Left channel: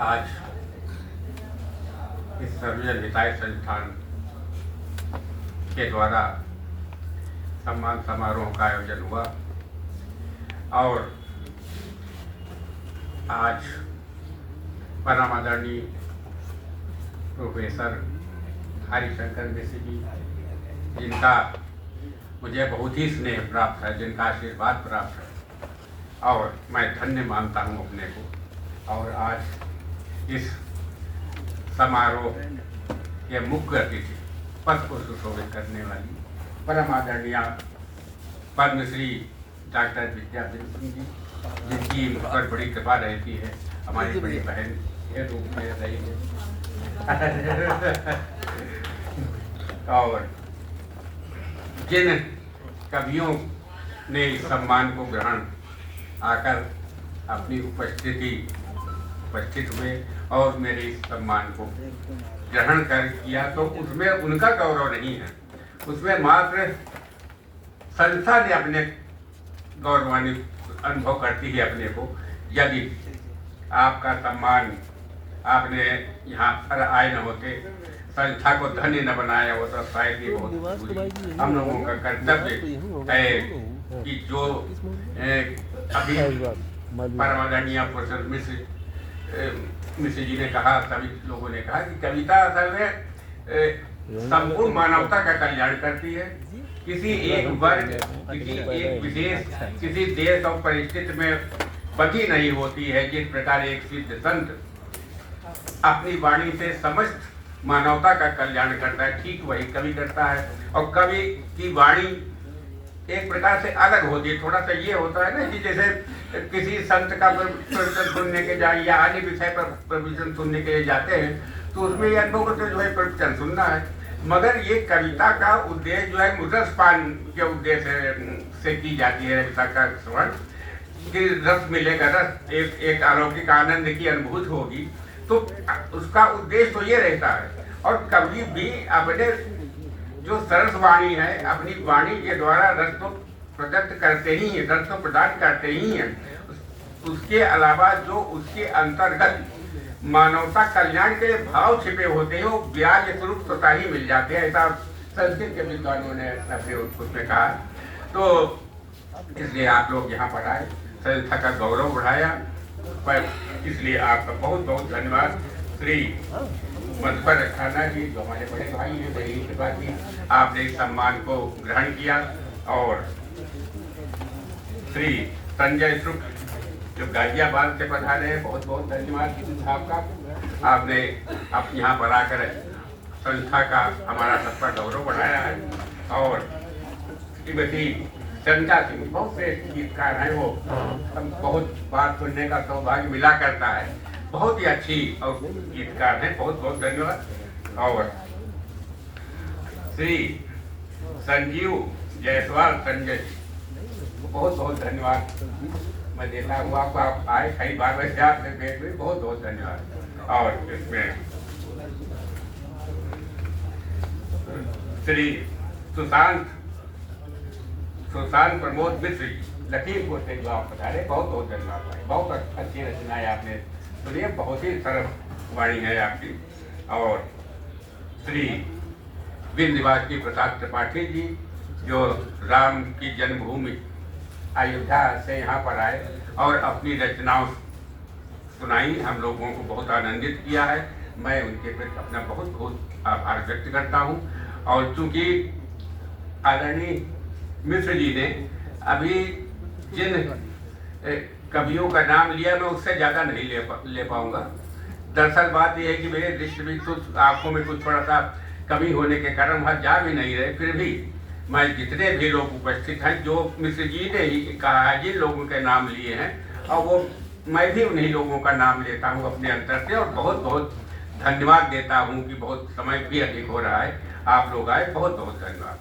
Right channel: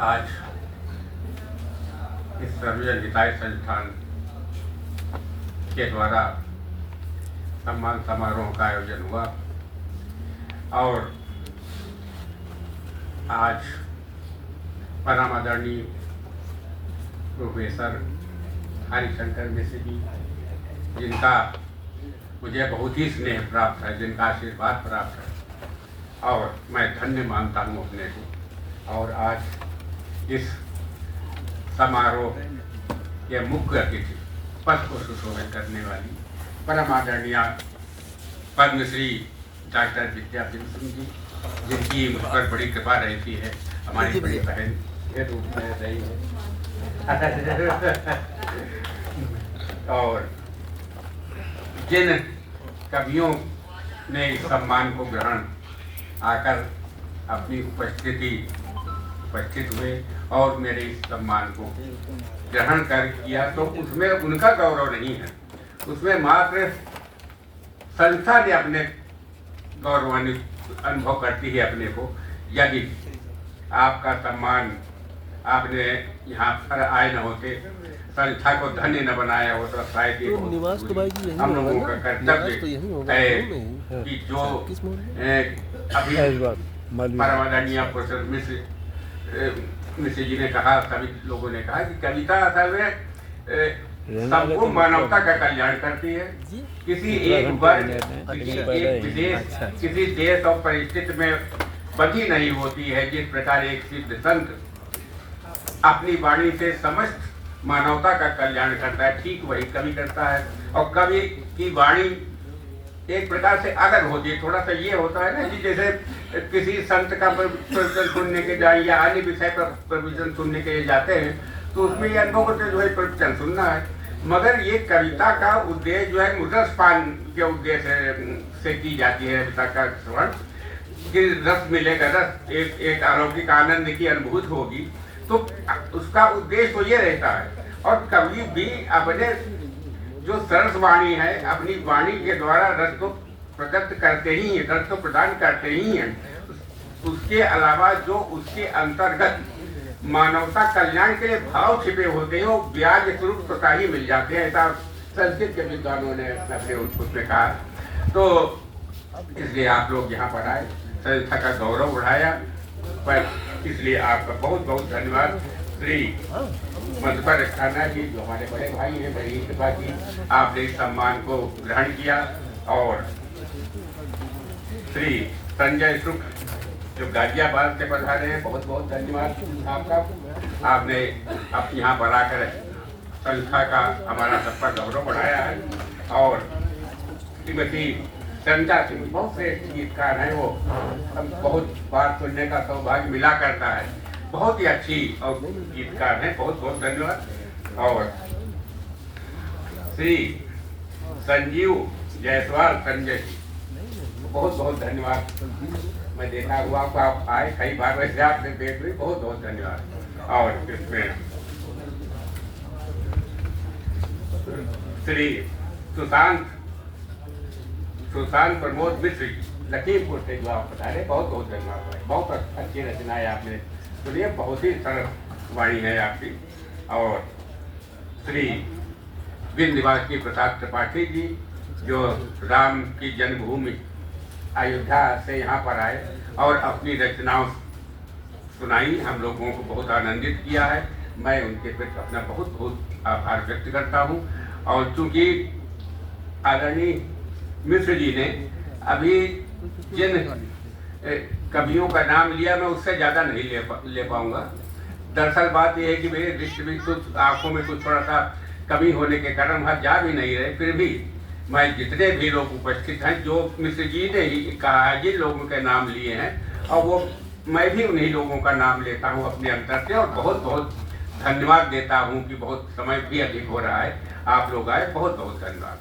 आज इस सर्वजन हिताय संस्थान के द्वारा सम्मान समारोह का आयोजन हुआ और आज परम आदरणीय प्रोफेसर हरिशंकर मिश्र जी, जिनका मुझे बहुत ही स्नेह प्राप्त है, जिनका आशीर्वाद प्राप्त है और मैं धन्य मानता हूँ अपने को। और आज इस समारोह के मुख्य अतिथि, पद को सुशोभित करने वाली परम आदरणीय पद्मश्री डॉक्टर विद्यादेवी सिंह जी, जिनकी मुझ पर बड़ी कृपा रहती है, हमारी बड़ी बहन के रूप में रही है और जिन कवियों ने इस सम्मान को ग्रहण आकर अपनी उपस्थित हुए और मेरे इस सम्मान को ग्रहण कर किया, तो उसमें उनका गौरव नहीं है, उसमें मात्र संस्था ने अपने गौरवान्वित अनुभव करती है अपने को। यदि आपका सम्मान आपने यहाँ पर आए न होते, संस्था को धन्य न बनाया होता, शायद ये हम लोगों का कर्तव्य है कि जो अभी परम आदरणीय प्रोफेसर मिश्र जी ने कहा, सभी लोगों ने कहा कि कविता असल में संपूर्ण मानवता का कल्याण करती है। किसी एक वर्ग, किसी एक विदेश, किसी देश और परिस्थिति में बंधी नहीं होती है। जिस प्रकार एक सिद्ध संत अपनी वाणी से समस्त मानवता का कल्याण करता है, ठीक वही कवि करता है। और कवि की वाणी एक प्रकार से अलग होती है। थोड़ा सा ये होता है ना कि जैसे किसी संत का प्रवचन सुनने के जाए या अन्य विषय पर प्रवचन सुनने के लिए जाते हैं, तो उसमें ये अनुभव से जो है प्रवचन सुनना है, मगर ये कविता का उद्देश्य जो है मुद्रस्पान के उद्देश्य से की जाती है। कविता का श्रवण कि रस मिलेगा, रस एक अलौकिक आनंद की अनुभूति होगी, तो उसका उद्देश्य तो ये रहता है। और कवि भी अपने जो सरस वाणी है, अपनी वाणी के द्वारा रस को प्रकट करते ही हैं, रस को प्रदान करते ही हैं। उसके अलावा जो उसके अंतर्गत मानवता कल्याण के लिए भाव छिपे होते हैं, वो ब्याज स्वरूप स्वतः ही मिल जाते हैं। ऐसा संस्कृत के विद्वानों ने अपने उसमें कहा। तो इसलिए आप लोग यहाँ पर आए, संस्था का गौरव बढ़ाया, पर इसलिए आपका बहुत बहुत धन्यवाद। श्री मधुकर अस्थाना जी, जो हमारे बड़े भाई हैं, बड़ी कृपा की आपने इस सम्मान को ग्रहण किया। और श्री संजय शुक्ल जो गाजियाबाद से पधारे हैं, बहुत बहुत धन्यवाद आपका। आपने अब यहाँ पर आकर संस्था का हमारा सबका गौरव बढ़ाया है। और श्रीमती चंदा सिंह, बहुत श्रेष्ठ गीतकार है, वो हम बहुत बार सुनने का सौभाग्य मिला करता है, बहुत ही अच्छी और गीतकार है, बहुत बहुत धन्यवाद। और श्री संजीव जायसवाल संजय जी, बहुत बहुत धन्यवाद। मैं देखा हुआ आपको, आप आए कई बार, वैसे आपसे भेंट हुई, बहुत बहुत धन्यवाद। और इसमें श्री सुशांत प्रमोद मिश्र लखीमपुर से जो आप बता रहे, बहुत बहुत धन्यवाद। बहुत अच्छी रचनाएं आपने सुनिए, बहुत ही सरल वाणी है आपकी। और श्री विंध्यवासिनी प्रसाद त्रिपाठी जी, जो राम की जन्मभूमि अयोध्या से यहाँ पर आए और अपनी रचनाओं सुनाई, हम लोगों को बहुत आनंदित किया है। मैं उनके प्रति अपना बहुत बहुत आभार व्यक्त करता हूँ। और चूंकि आदरणीय मिश्र जी ने अभी जिन कवियों का नाम लिया, मैं उससे ज़्यादा नहीं ले पाऊँगा। दरअसल बात यह है कि मेरे दृष्टि में कुछ आँखों में कुछ थोड़ा सा कमी होने के कारण वहाँ जा भी नहीं रहे। फिर भी मैं जितने भी लोग उपस्थित हैं, जो मिश्र जी ने ही कहा है, जिन लोगों के नाम लिए हैं, और वो मैं भी उन्हीं लोगों का नाम लेता हूँ अपने अंतर से, और बहुत बहुत धन्यवाद देता हूँ कि बहुत समय भी अधिक हो रहा है, आप लोग आए, बहुत बहुत धन्यवाद।